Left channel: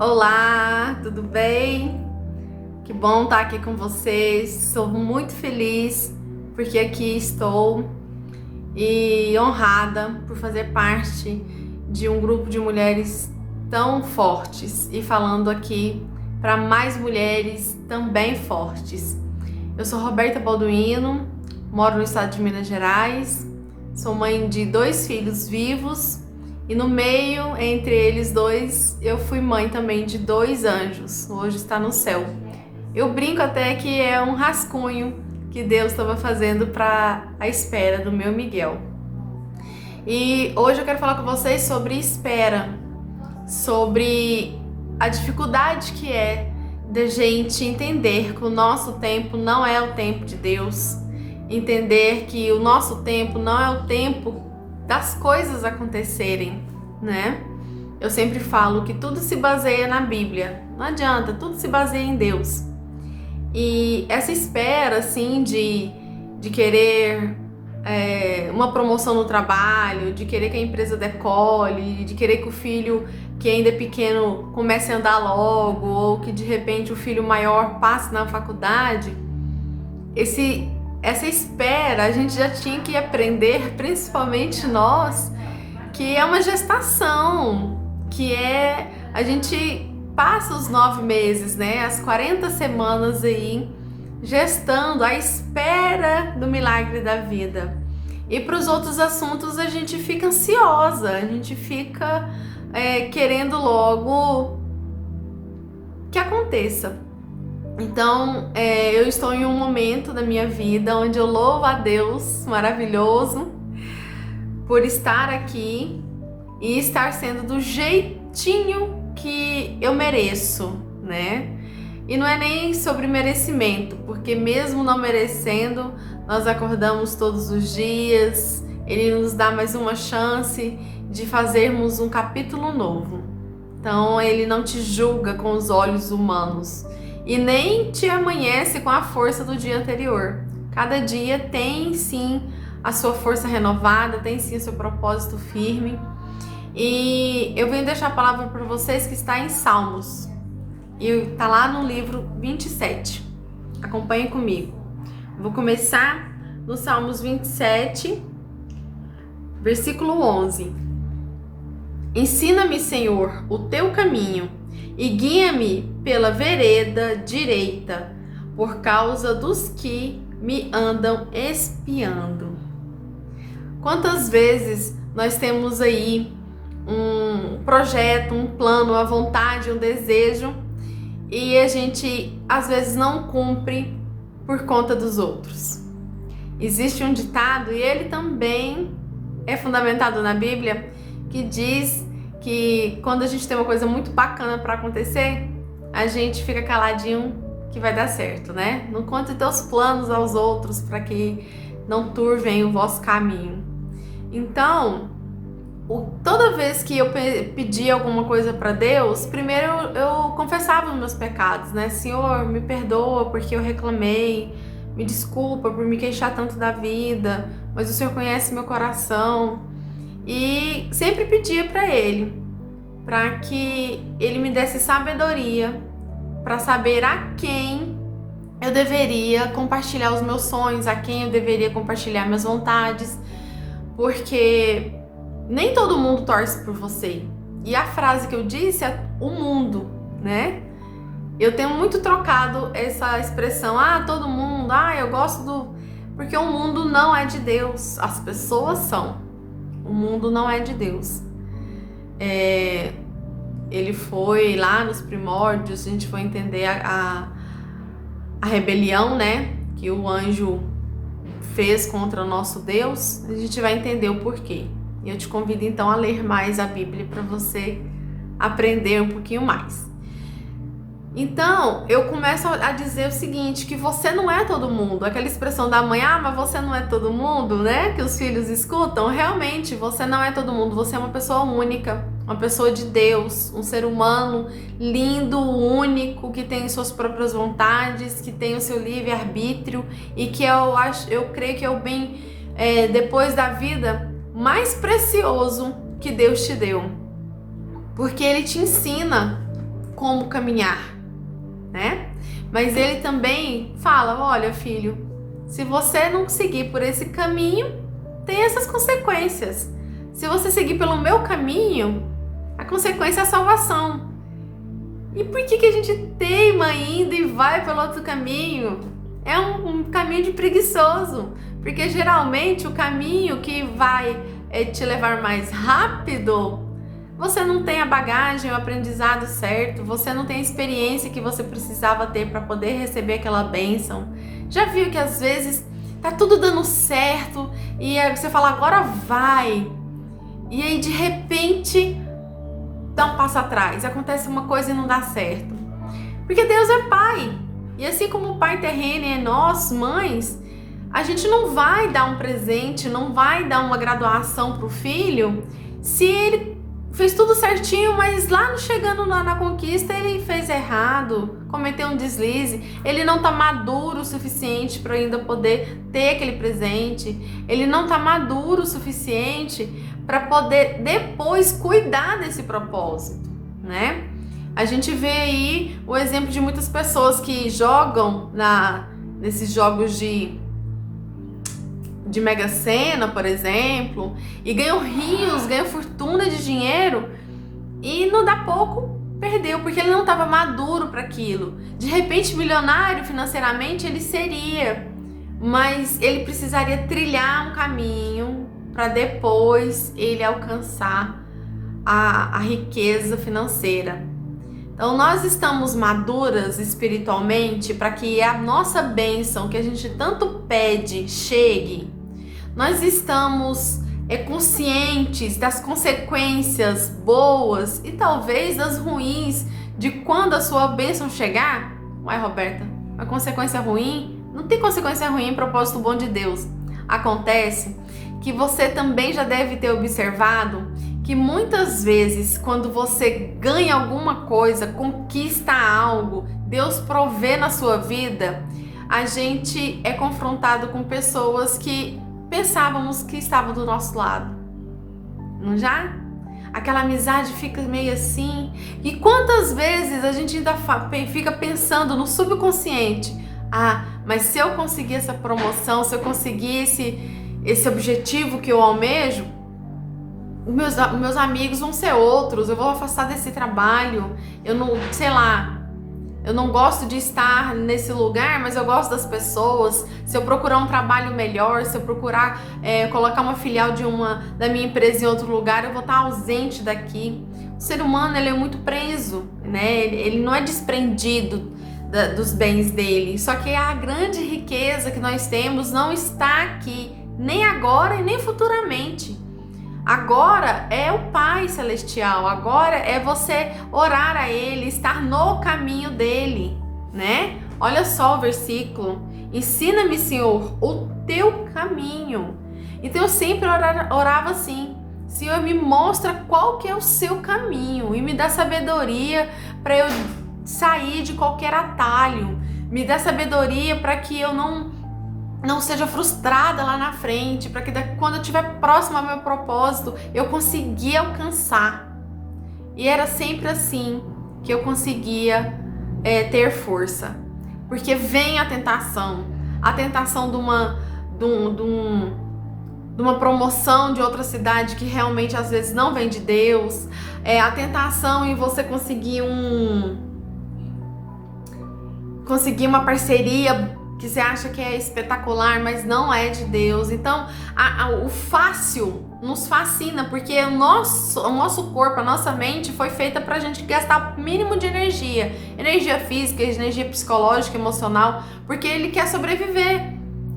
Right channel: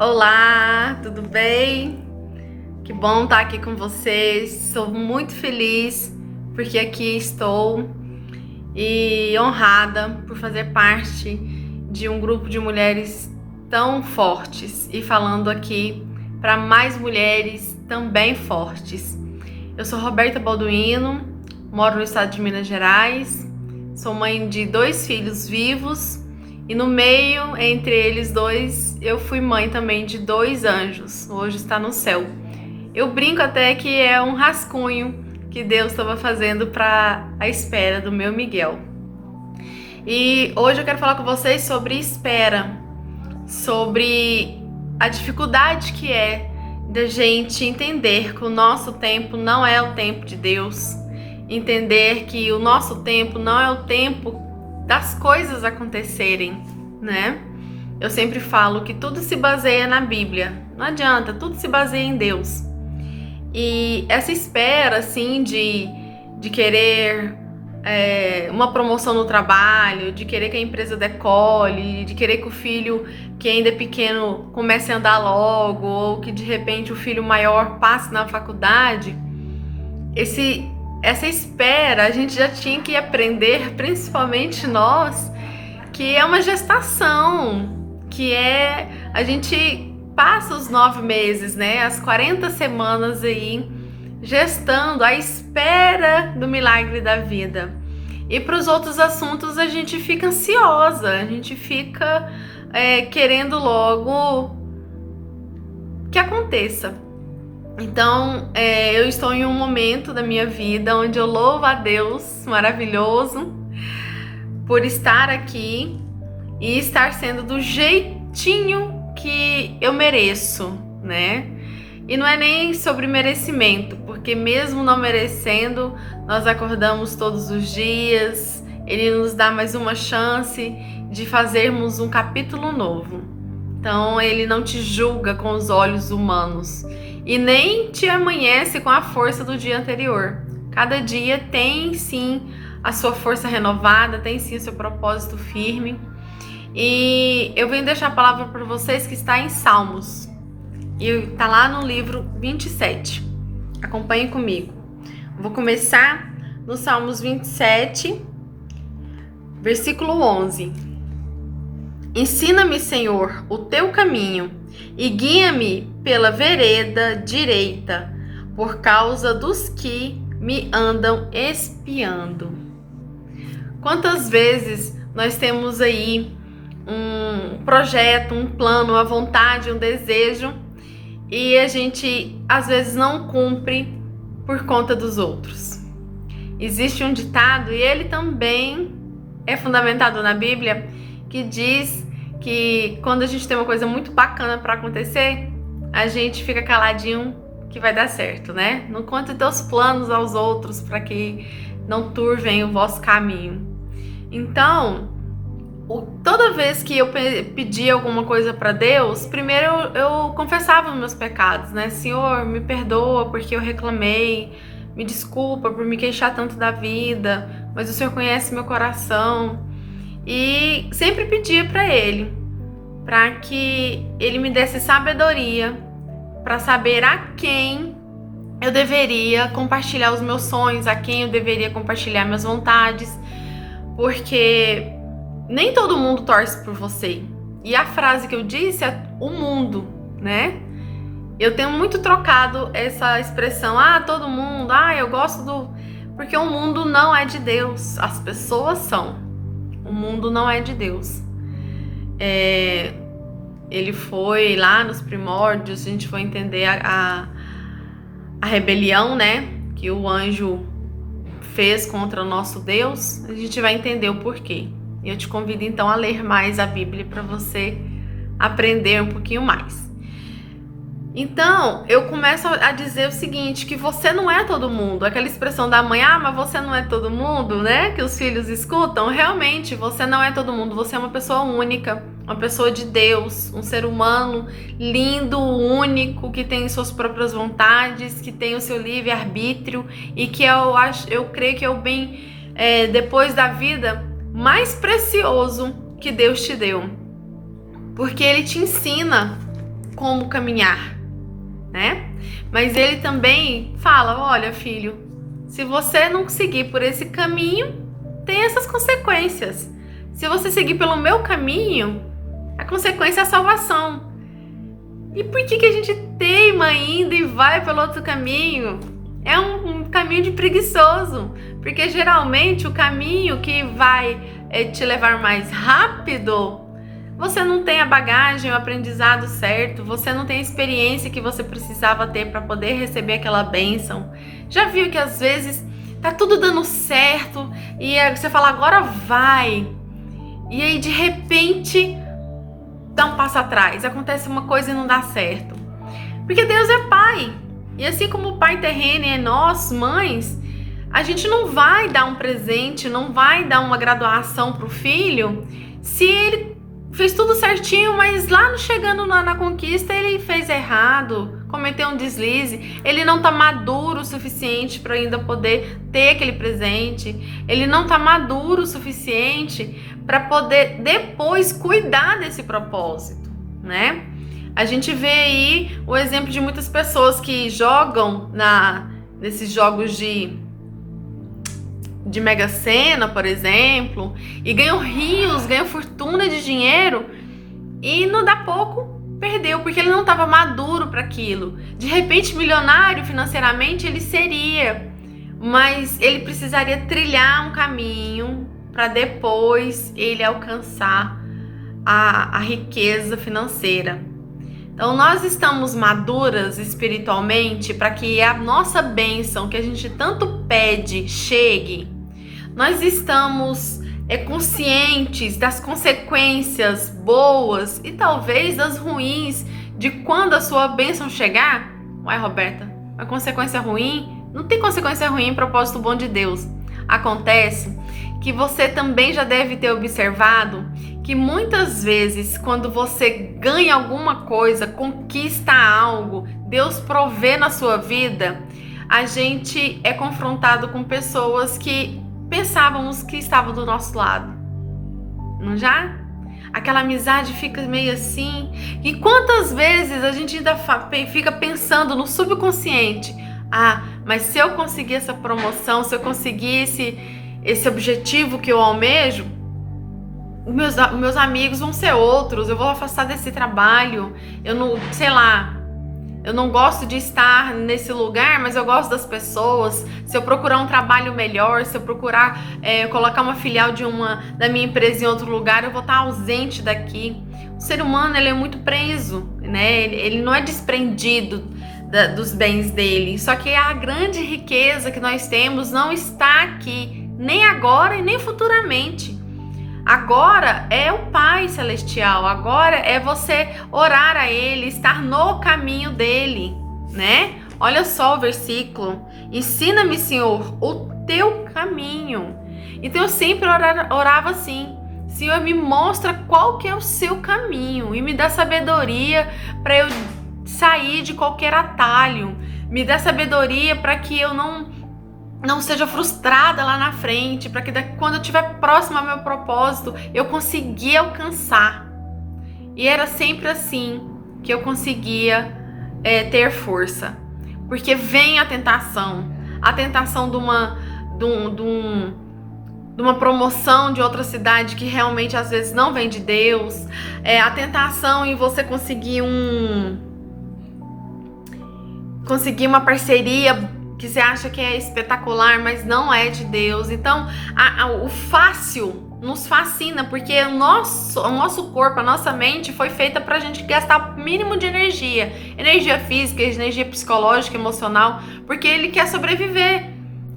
Olá, tudo bem? Que bom estar aqui com vocês. Sou muito feliz porque aqui estou e honrada por fazer parte de um grupo de mulheres tão fortes e falando aqui para mais mulheres também fortes. Eu sou Roberta Balduino, moro no estado de Minas Gerais, sou mãe de 2 filhos vivos. E no meio, entre eles dois, eu fui mãe também de 2 anjos. Hoje está no céu. Eu brinco até que é um rascunho que Deus estava fazendo para a espera do meu Miguel. E hoje eu quero falar com vocês sobre espera, sobre a dificuldade que é da gente entender que o nosso tempo não é o tempo de Deus, entender que o nosso tempo não é o tempo das coisas acontecerem, né? Eu sempre falo que tudo se baseia na Bíblia, não adianta, tudo se baseia em Deus. E essa espera, assim, de querer uma promoção no trabalho, de querer que a empresa decole, de querer que o filho que ainda é pequeno comece a andar logo, ou que de repente o filho maior passe na faculdade, essa espera a gente já tinha que aprender, principalmente nós, que é uma gestação, que a gente passa os 9 meses, né, as 40 semanas aí gestando à espera do milagre da vida. E para os outros assuntos a gente fica ansiosa, a gente fica querendo logo que aconteça. Então, eu estou em um momento da minha vida onde eu louvo a Deus maravilhoso por estar aqui e estar sendo do jeitinho que eu mereço, né? E não é nem sobre merecimento, porque mesmo não merecendo, nós acordamos todos os dias, Ele nos dá mais uma chance de fazermos um capítulo novo. Então, Ele não te julga com os olhos humanos e nem te amanhece com a força do dia anterior. Cada dia tem sim a sua força renovada, tem sim o seu propósito firme. E eu venho deixar a palavra para vocês que está em Salmos. E está lá no livro 27. Acompanhe comigo. Vou começar no Salmos 27, versículo 11. Ensina-me, Senhor, o teu caminho e guia-me pela vereda direita, por causa dos que me andam espiando. Quantas vezes nós temos aí um projeto, um plano, uma vontade, um desejo, e a gente às vezes não cumpre por conta dos outros? Existe um ditado, e ele também é fundamentado na Bíblia, que diz que quando a gente tem uma coisa muito bacana para acontecer, a gente fica caladinho que vai dar certo, né? Não conte teus planos aos outros para que não turvem o vosso caminho. Então, toda vez que eu pedia alguma coisa para Deus, primeiro eu confessava os meus pecados, né? Senhor, me perdoa porque eu reclamei, me desculpa por me queixar tanto da vida, mas o Senhor conhece meu coração. E sempre pedia para Ele, para que Ele me desse sabedoria, para saber a quem eu deveria compartilhar os meus sonhos, a quem eu deveria compartilhar minhas vontades, porque nem todo mundo torce por você. E a frase que eu disse é o mundo, né? Eu tenho muito trocado essa expressão, todo mundo, eu gosto do... Porque o mundo não é de Deus, as pessoas são. O mundo não é de Deus. Ele foi lá nos primórdios, a gente foi entender a rebelião, né? Que o anjo fez contra o nosso Deus. A gente vai entender o porquê. E eu te convido então a ler mais a Bíblia para você aprender um pouquinho mais. Então, eu começo a dizer o seguinte, que você não é todo mundo. Aquela expressão da mãe, mas você não é todo mundo, né? Que os filhos escutam. Realmente, você não é todo mundo. Você é uma pessoa única, uma pessoa de Deus, um ser humano lindo, único, que tem suas próprias vontades, que tem o seu livre-arbítrio e que eu creio que é o bem, depois da vida, mais precioso que Deus te deu. Porque Ele te ensina como caminhar, né? Mas ele também fala: olha, filho, se você não seguir por esse caminho, tem essas consequências. Se você seguir pelo meu caminho, a consequência é a salvação. E por que a gente teima ainda e vai pelo outro caminho? É um caminho de preguiçoso, porque geralmente o caminho que vai te levar mais rápido, você não tem a bagagem, o aprendizado certo, você não tem a experiência que você precisava ter para poder receber aquela bênção. Já viu que às vezes tá tudo dando certo e aí você fala, agora vai, e aí de repente dá um passo atrás, acontece uma coisa e não dá certo. Porque Deus é pai, e assim como o pai terreno é nós, mães, a gente não vai dar um presente, não vai dar uma graduação pro filho se ele fez tudo certinho, mas lá chegando na conquista ele fez errado, cometeu um deslize, ele não tá maduro o suficiente para ainda poder ter aquele presente, ele não tá maduro o suficiente para poder depois cuidar desse propósito, né? A gente vê aí o exemplo de muitas pessoas que jogam nesses jogos de Mega Sena, por exemplo, e ganham rios, ganham fortuna de dinheiro e não dá pouco, perdeu, porque ele não estava maduro para aquilo. De repente, milionário financeiramente ele seria, mas ele precisaria trilhar um caminho para depois ele alcançar a riqueza financeira. Então, nós estamos maduras espiritualmente para que a nossa bênção que a gente tanto pede chegue. Nós estamos conscientes das consequências boas e talvez das ruins de quando a sua bênção chegar. Uai, Roberta, a consequência ruim? Não tem consequência ruim em propósito bom de Deus. Acontece que você também já deve ter observado que muitas vezes quando você ganha alguma coisa, conquista algo, Deus provê na sua vida, a gente é confrontado com pessoas que pensávamos que estavam do nosso lado. Não já? Aquela amizade fica meio assim. E quantas vezes a gente ainda fica pensando no subconsciente: ah, mas se eu conseguir essa promoção, se eu conseguir esse objetivo que eu almejo, meus amigos vão ser outros, eu vou afastar desse trabalho, eu não, sei lá, eu não gosto de estar nesse lugar, mas eu gosto das pessoas. Se eu procurar um trabalho melhor, se eu procurar colocar uma filial da minha empresa em outro lugar, eu vou estar ausente daqui. O ser humano, ele é muito preso, né? Ele não é desprendido dos bens dele. Só que a grande riqueza que nós temos não está aqui, nem agora e nem futuramente. Agora é o Pai Celestial, agora é você orar a Ele, estar no caminho dele, né? Olha só o versículo: ensina-me, Senhor, o teu caminho. Então eu sempre orava assim: Senhor, me mostra qual que é o seu caminho e me dá sabedoria para eu sair de qualquer atalho, me dá sabedoria para que eu não seja frustrada lá na frente, para que quando eu estiver próximo ao meu propósito, eu consiga alcançar. E era sempre assim que eu conseguia ter força. Porque vem a tentação de uma promoção de outra cidade que realmente às vezes não vem de Deus, a tentação em você conseguir uma parceria que você acha que é espetacular, mas não é de Deus. Então, o fácil nos fascina, porque o nosso corpo, a nossa mente foi feita pra gente gastar o mínimo de energia física, energia psicológica, emocional, porque ele quer sobreviver,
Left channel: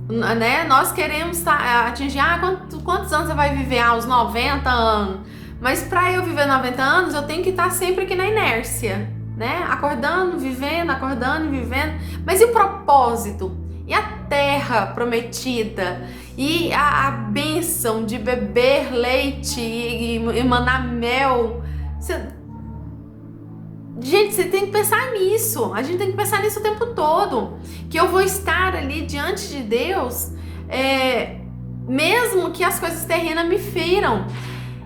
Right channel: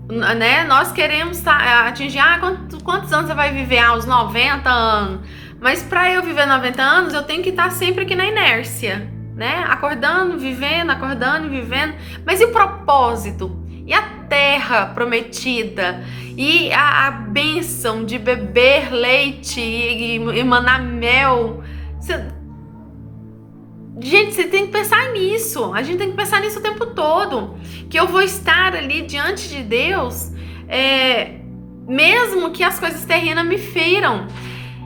né? Nós queremos atingir, quantos anos você vai viver? Aos 90 anos. Mas para eu viver 90 anos, eu tenho que estar sempre aqui na inércia, né? Acordando, vivendo, mas e o propósito? E a terra prometida? E a bênção de beber leite e emanar mel? Gente, você tem que pensar nisso. A gente tem que pensar nisso o tempo todo. Que eu vou estar ali diante de Deus, mesmo que as coisas terrenas me feram.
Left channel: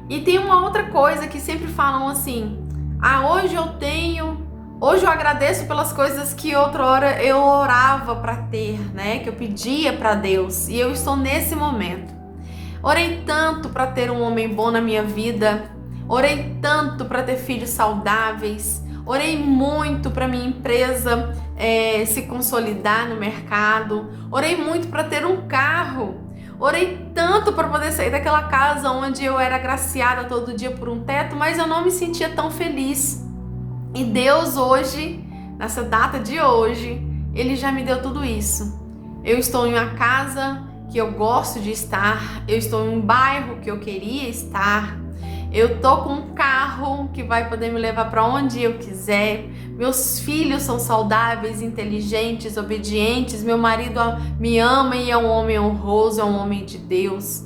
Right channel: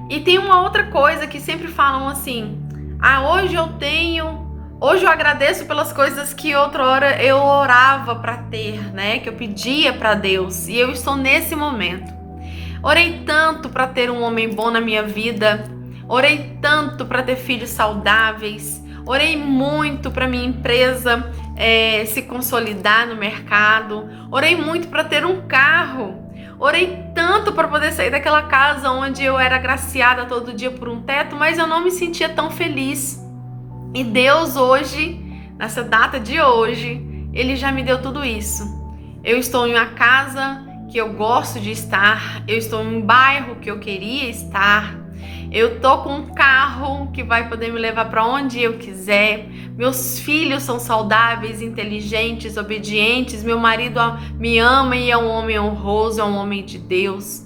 E tem uma outra coisa que sempre falam assim: hoje eu tenho Hoje eu agradeço pelas coisas que outrora eu orava para ter, né? Que eu pedia para Deus. E eu estou nesse momento. Orei tanto para ter um homem bom na minha vida. Orei tanto para ter filhos saudáveis. Orei muito para minha empresa se consolidar no mercado. Orei muito para ter um carro. Orei tanto para poder sair daquela casa onde eu era agraciada todo dia por um teto, mas eu não me sentia tão feliz. E Deus hoje, nessa data de hoje, Ele já me deu tudo isso. Eu estou em uma casa que eu gosto de estar, eu estou em um bairro que eu queria estar, eu tô com um carro que vai poder me levar para onde eu quiser, meus filhos são saudáveis, inteligentes, obedientes, meu marido me ama e é um homem honroso, é um homem de Deus.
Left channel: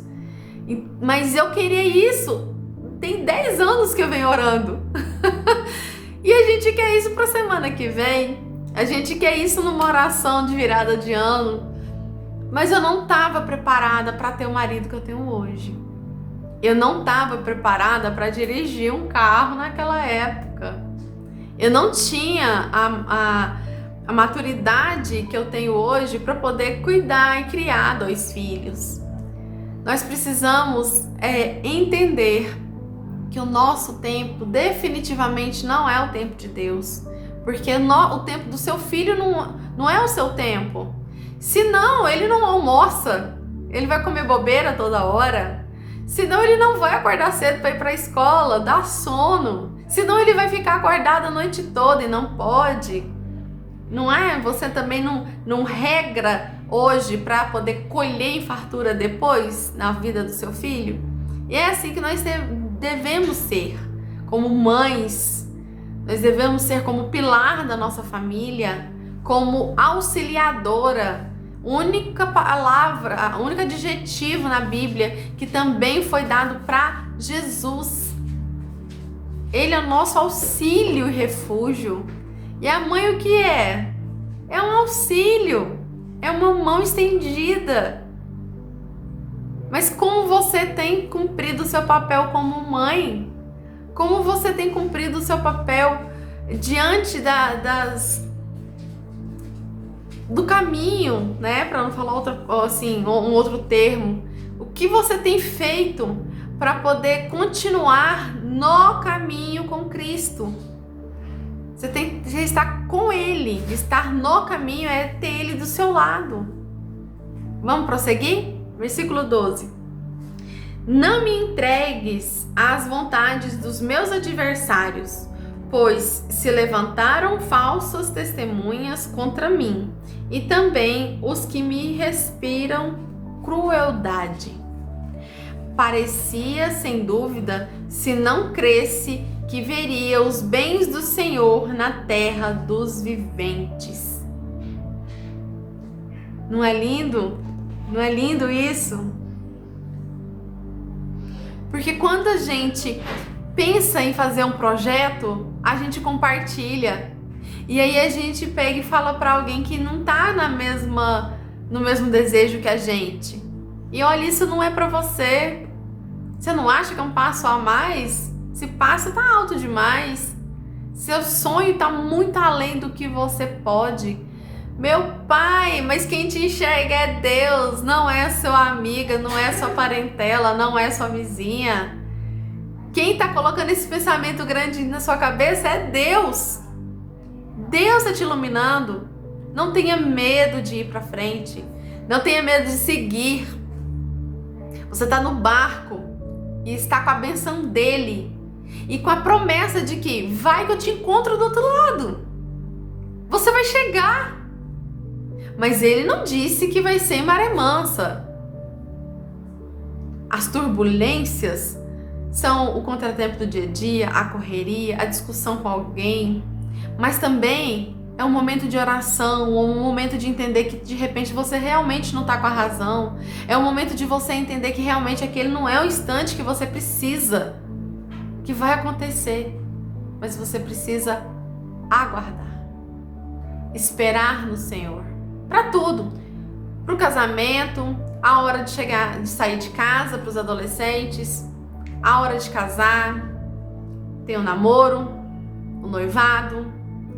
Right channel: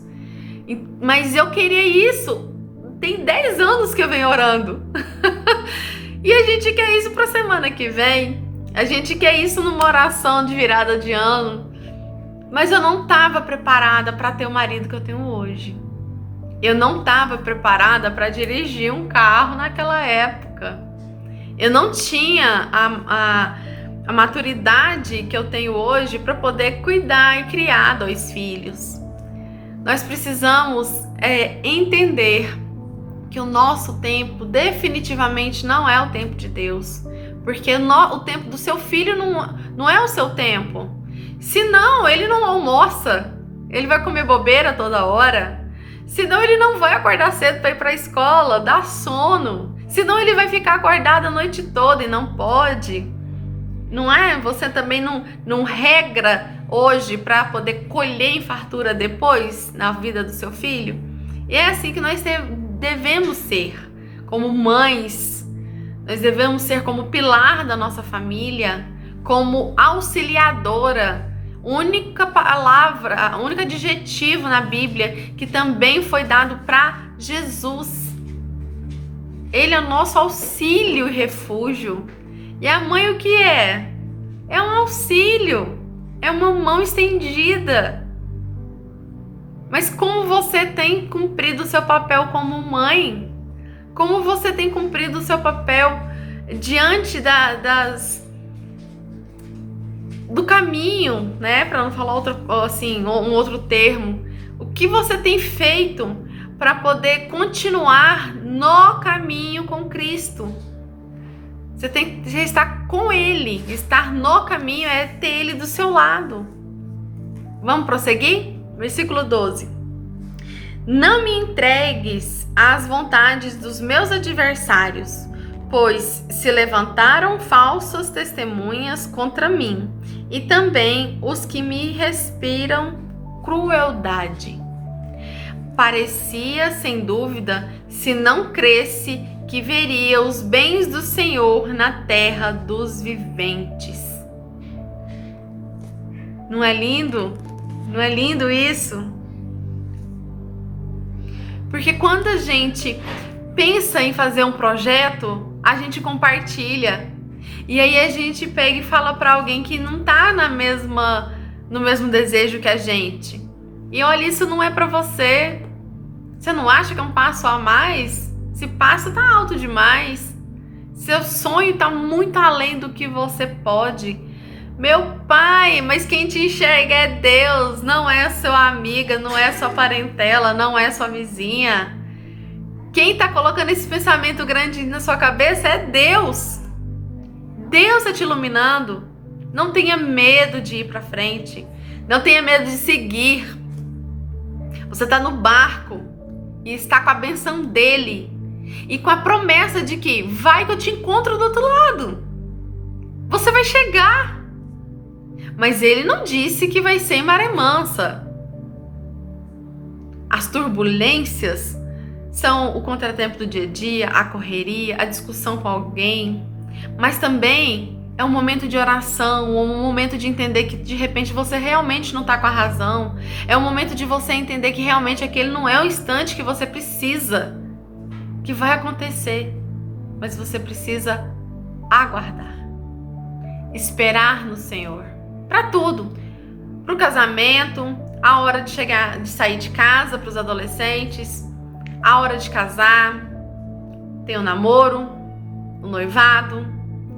Mas eu queria isso, tem 10 anos que eu venho orando. E a gente quer isso para a semana que vem, a gente quer isso numa oração de virada de ano, mas eu não estava preparada para ter o marido que eu tenho hoje. Eu não estava preparada para dirigir um carro naquela época. Eu não tinha a maturidade que eu tenho hoje para poder cuidar e criar 2 filhos. Nós precisamos entender que o nosso tempo definitivamente não é o tempo de Deus. Porque o tempo do seu filho não é o seu tempo. Senão, ele não almoça. Ele vai comer bobeira toda hora. Senão, ele não vai acordar cedo para ir para a escola, dá sono. Senão, ele vai ficar acordado a noite toda e não pode. Não é? Você também não regra hoje para poder colher em fartura depois na vida do seu filho? E é assim que nós devemos ser, como mães. Nós devemos ser como pilar da nossa família, como auxiliadora. Única palavra, único adjetivo na Bíblia que também foi dado para Jesus. Ele é o nosso auxílio e refúgio. E a mãe o que é? É um auxílio, é uma mão estendida. Mas como você tem cumprido o seu papel como mãe? Como você tem cumprido o seu papel diante do caminho, né? Para não falar um outro termo. O que você tem feito para poder continuar no caminho com Cristo? Você está com Ele. Estar no caminho é ter Ele do seu lado. Vamos prosseguir? Versículo 12. Não me entregues às vontades dos meus adversários, pois se levantaram falsas testemunhas contra mim, e também os que me respiram crueldade. Parecia, sem dúvida, se não cresce, que veria os bens do Senhor na terra dos viventes. Não é lindo? Não é lindo isso? Porque quando a gente pensa em fazer um projeto, a gente compartilha. E aí a gente pega e fala para alguém que não tá no mesmo desejo que a gente. E olha, isso não é para você. Você não acha que é um passo a mais? Esse passo tá alto demais. Seu sonho tá muito além do que você pode. Meu pai, mas quem te enxerga é Deus, não é sua amiga, não é sua parentela, não é sua vizinha. Quem tá colocando esse pensamento grande na sua cabeça é Deus. Deus tá te iluminando. Não tenha medo de ir pra frente. Não tenha medo de seguir. Você tá no barco e está com a benção dele. E com a promessa de que vai que eu te encontro do outro lado. Você vai chegar. Mas ele não disse que vai ser em maré mansa. As turbulências são o contratempo do dia a dia, a correria, a discussão com alguém. Mas também é um momento de oração, um momento de entender que de repente você realmente não está com a razão. É um momento de você entender que realmente aquele não é o instante que você precisa, que vai acontecer. Mas você precisa aguardar, esperar no Senhor. Para tudo, para o casamento, a hora de sair de casa para os adolescentes, a hora de casar, tem o namoro, o noivado,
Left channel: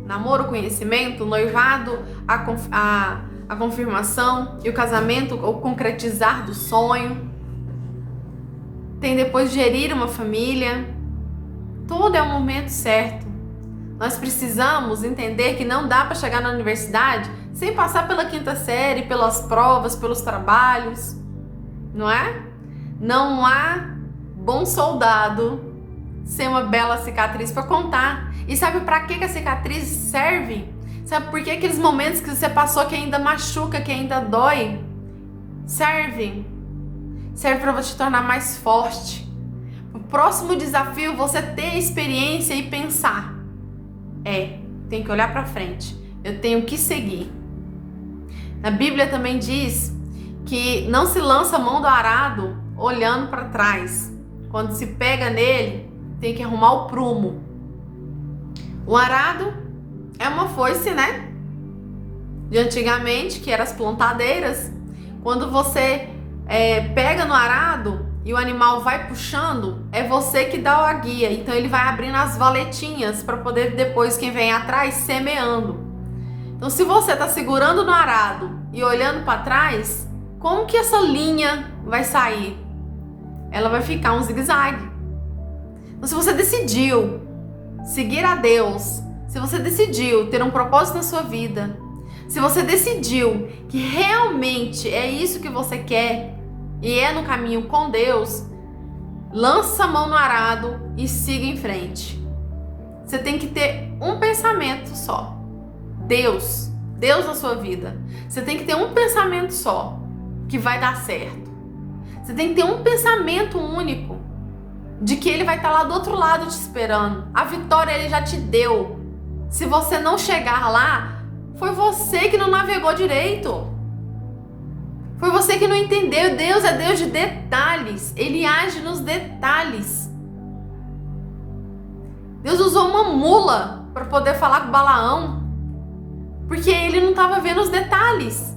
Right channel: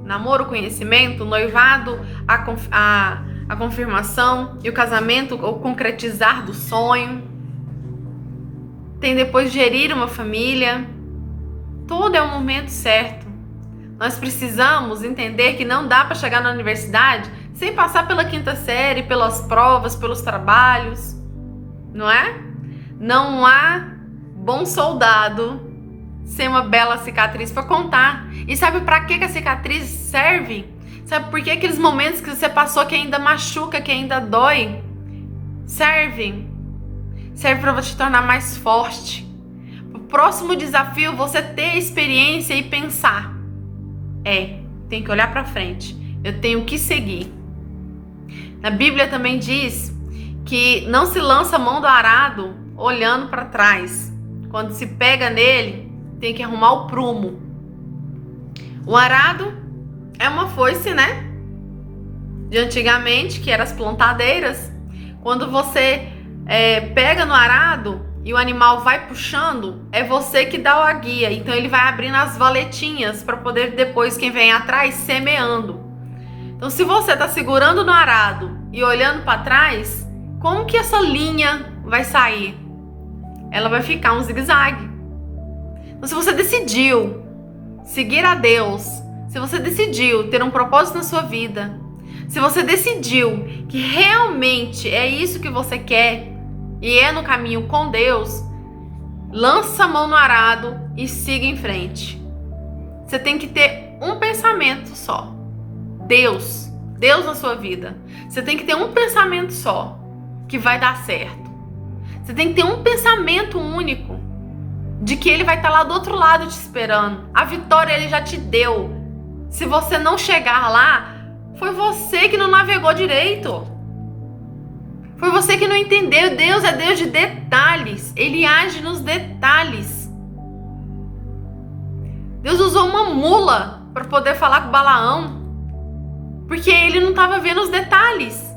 namoro, conhecimento, noivado, a confirmação e o casamento, o concretizar do sonho. Tem depois gerir uma família. Tudo é o momento certo. Nós precisamos entender que não dá para chegar na universidade sem passar pela 5ª série, pelas provas, pelos trabalhos, não é? Não há bom soldado sem uma bela cicatriz para contar. E sabe para que a cicatriz serve? Sabe por que aqueles momentos que você passou que ainda machuca, que ainda dói? Serve para te tornar mais forte. O próximo desafio, você ter experiência e pensar. Tem que olhar para frente. Eu tenho que seguir. Na Bíblia também diz que não se lança a mão do arado olhando para trás. Quando se pega nele, tem que arrumar o prumo. O arado é uma foice, né? De antigamente, que eram as plantadeiras. Quando você pega no arado e o animal vai puxando, é você que dá a guia. Então ele vai abrindo as valetinhas para poder depois quem vem atrás semeando. Então se você está segurando no arado e olhando para trás, como que essa linha vai sair? Ela vai ficar um zigue-zague. Então se você decidiu seguir a Deus, se você decidiu ter um propósito na sua vida, se você decidiu que realmente é isso que você quer e é no caminho com Deus, lança a mão no arado e siga em frente. Você tem que ter um pensamento só. Deus na sua vida. Você tem que ter um pensamento só que vai dar certo. Você tem que ter um pensamento único de que Ele vai estar lá do outro lado te esperando. A vitória Ele já te deu. Se você não chegar lá, foi você que não navegou direito. Foi você que não entendeu. Deus é Deus de detalhes. Ele age nos detalhes. Deus usou uma mula para poder falar com Balaão, porque ele não estava vendo os detalhes.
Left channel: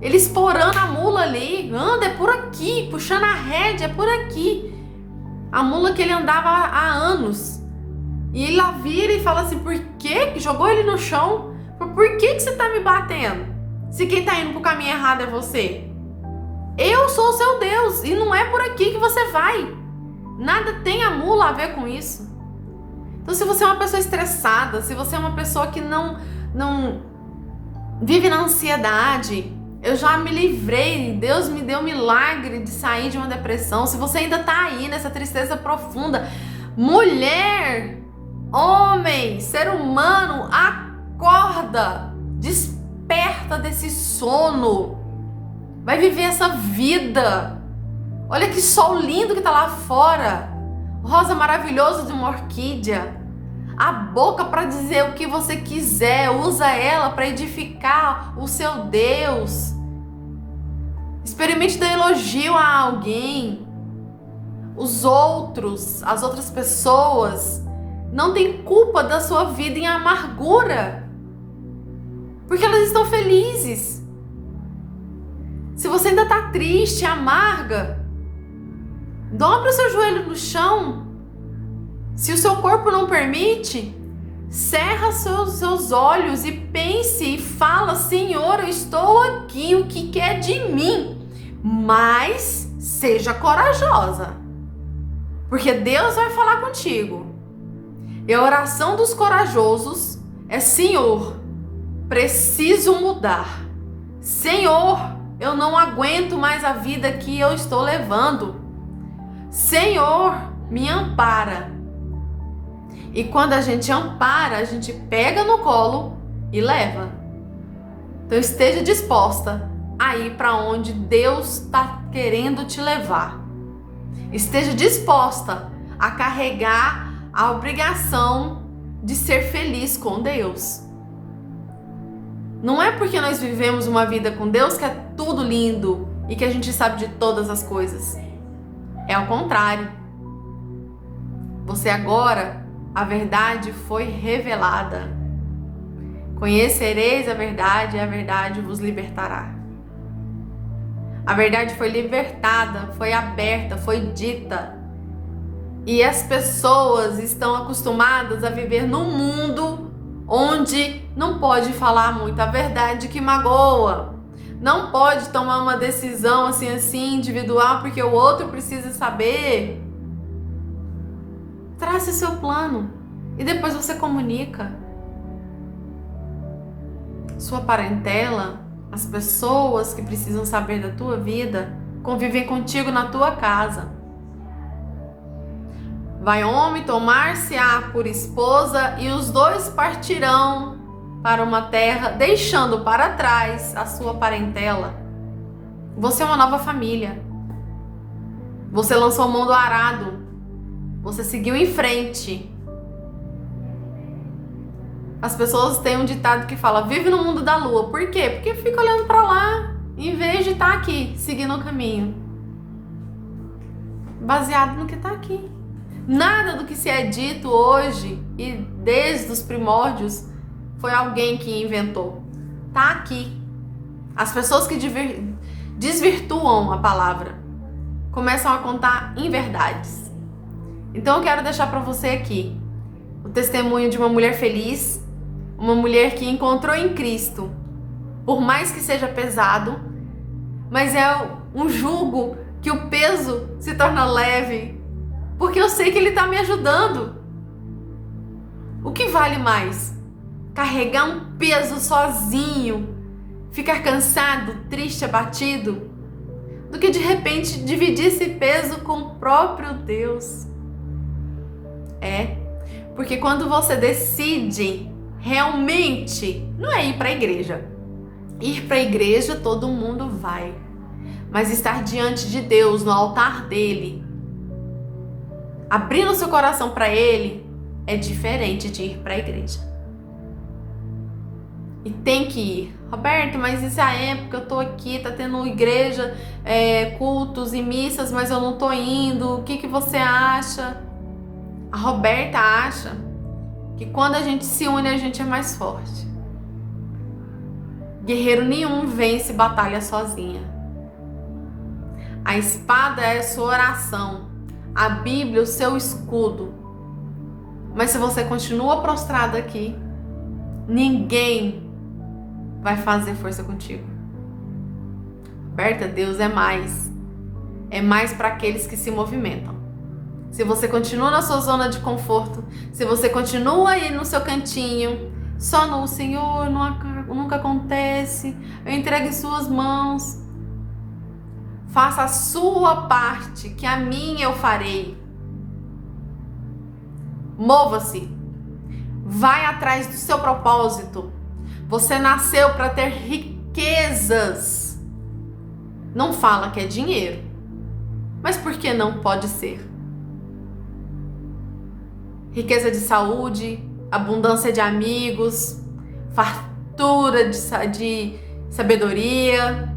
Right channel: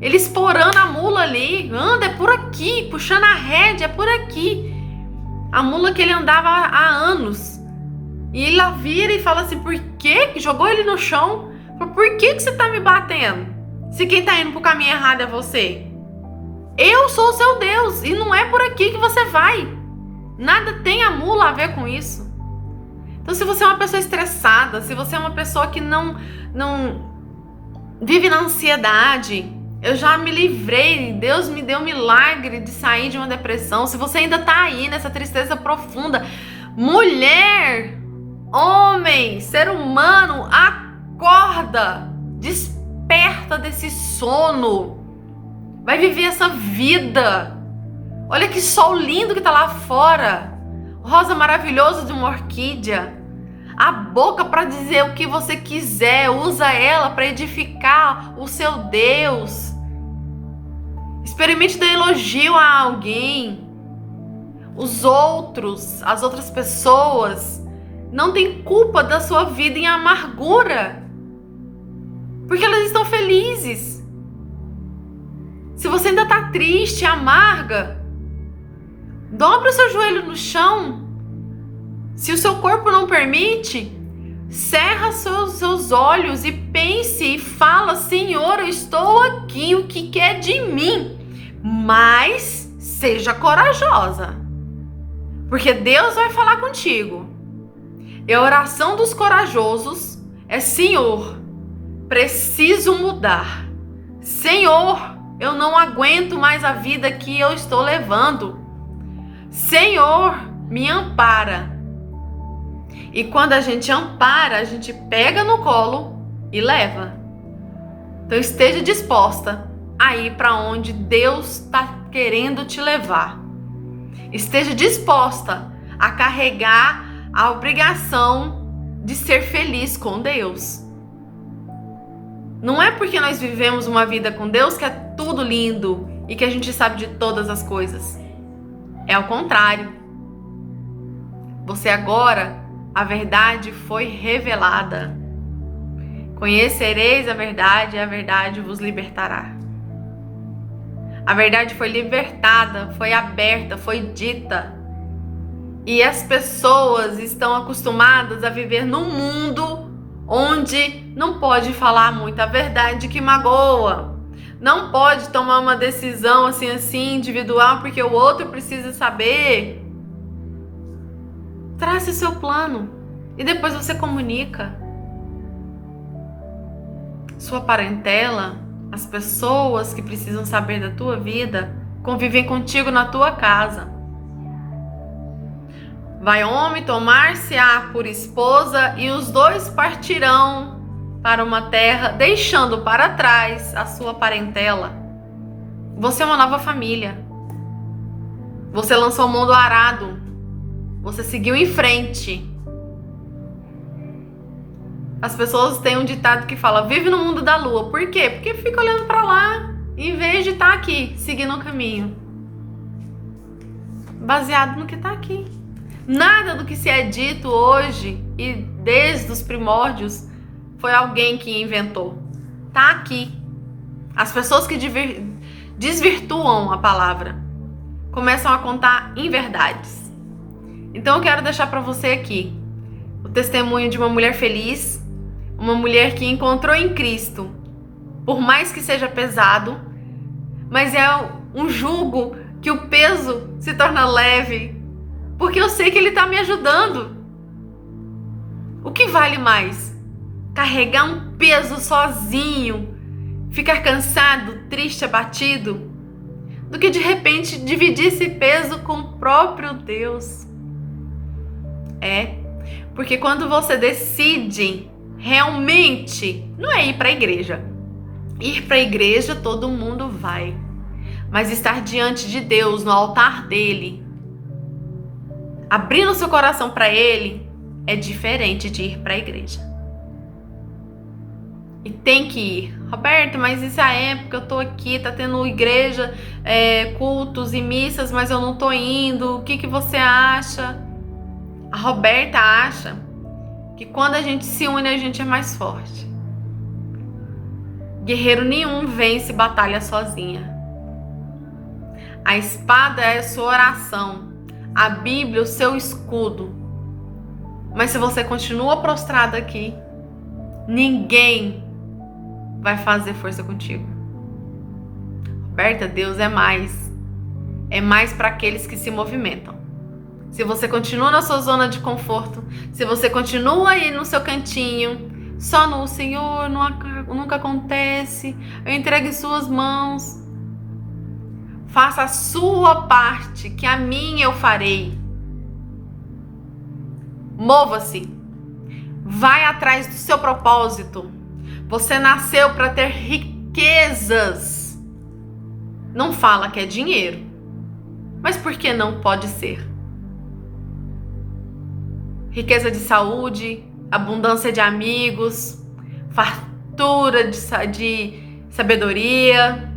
Ele esporando a mula ali. Anda, é por aqui. Puxando a rédea, é por aqui. A mula que ele andava há anos. E ele lá vira e fala assim, por quê? Jogou ele no chão. Por que você tá me batendo? Se quem tá indo pro caminho errado é você. Eu sou o seu Deus e não é por aqui que você vai. Nada tem a mula a ver com isso. Então se você é uma pessoa estressada, se você é uma pessoa que não vive na ansiedade, eu já me livrei, Deus me deu o milagre de sair de uma depressão. Se você ainda tá aí nessa tristeza profunda, mulher, homem, ser humano, acorda, desperta desse sono, vai viver essa vida. Olha que sol lindo que tá lá fora, rosa maravilhosa de uma orquídea. A boca para dizer o que você quiser, usa ela para edificar o seu Deus. Experimente dar elogio a alguém. Os outros, as outras pessoas não têm culpa da sua vida em amargura, porque elas estão felizes. Se você ainda está triste, amarga, dobra o seu joelho no chão. Se o seu corpo não permite, cerra seus olhos e pense e fala, Senhor, eu estou aqui, o que quer de mim? Mas seja corajosa, porque Deus vai falar contigo. E a oração dos corajosos é, Senhor, preciso mudar. Senhor, eu não aguento mais a vida que eu estou levando. Senhor, me ampara. E quando a gente ampara, a gente pega no colo e leva. Então esteja disposta a ir para onde Deus está querendo te levar. Esteja disposta a carregar a obrigação de ser feliz com Deus. Não é porque nós vivemos uma vida com Deus que é tudo lindo e que a gente sabe de todas as coisas. É ao contrário. Você agora, a verdade foi revelada. Conhecereis a verdade e a verdade vos libertará. A verdade foi libertada, foi aberta, foi dita. E as pessoas estão acostumadas a viver num mundo onde não pode falar muita verdade que magoa, não pode tomar uma decisão assim individual porque o outro precisa saber. Trace seu plano e depois você comunica. Sua parentela, as pessoas que precisam saber da tua vida, convivem contigo na tua casa. Vai homem tomar-se-á por esposa e os dois partirão para uma terra, deixando para trás a sua parentela. Você é uma nova família. Você lançou mão do arado. Você seguiu em frente. As pessoas têm um ditado que fala: vive no mundo da lua. Por quê? Porque fica olhando para lá, em vez de estar aqui, seguindo o caminho. Baseado no que está aqui. Nada do que se é dito hoje e desde os primórdios foi alguém que inventou. Está aqui. As pessoas que desvirtuam a palavra começam a contar inverdades. Então eu quero deixar para você aqui o testemunho de uma mulher feliz, uma mulher que encontrou em Cristo, por mais que seja pesado, mas é um jugo que o peso se torna leve, porque eu sei que Ele está me ajudando. O que vale mais? Carregar um peso sozinho, ficar cansado, triste, abatido, do que de repente dividir esse peso com o próprio Deus. Porque quando você decide realmente, não é ir para a igreja. Ir para a igreja todo mundo vai, mas estar diante de Deus, no altar dele, abrindo seu coração para Ele, é diferente de ir para a igreja. E tem que ir. Roberta, mas isso é a época, eu tô aqui, tá tendo igreja, cultos e missas, mas eu não tô indo. O que você acha? A Roberta acha que quando a gente se une, a gente é mais forte. Guerreiro nenhum vence batalha sozinha. A espada é a sua oração, a Bíblia o seu escudo. Mas se você continua prostrado aqui, ninguém vai fazer força contigo. Roberta, Deus é mais. É mais para aqueles que se movimentam. Se você continua na sua zona de conforto, se você continua aí no seu cantinho, só no Senhor, nunca acontece, eu entrego em suas mãos. Faça a sua parte, que a minha eu farei. Mova-se. Vai atrás do seu propósito. Você nasceu para ter riquezas. Não fala que é dinheiro. Mas por que não pode ser? Riqueza de saúde, abundância de amigos, fartura de sabedoria.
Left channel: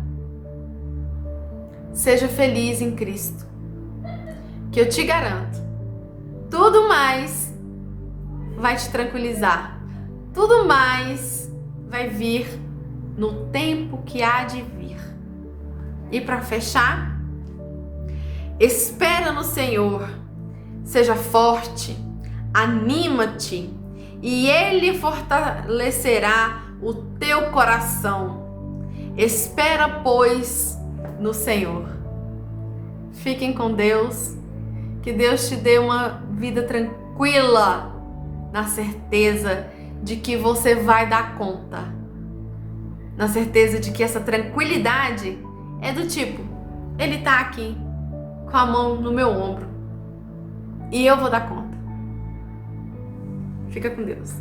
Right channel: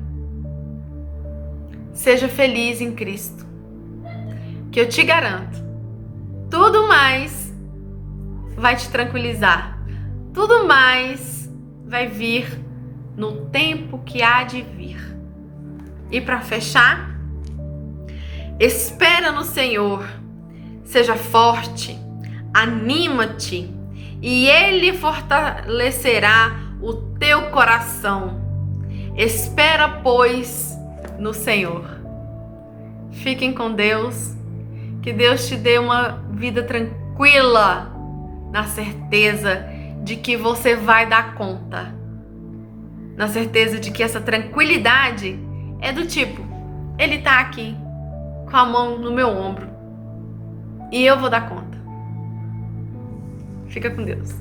Seja feliz em Cristo. Que eu te garanto, tudo mais vai te tranquilizar. Tudo mais vai vir no tempo que há de vir. E para fechar, espera no Senhor, seja forte, anima-te e Ele fortalecerá o teu coração. Espera, pois, no Senhor. Fiquem com Deus, que Deus te dê uma vida tranquila, na certeza de que você vai dar conta, na certeza de que essa tranquilidade é do tipo, Ele tá aqui com a mão no meu ombro e eu vou dar conta. Fica com Deus.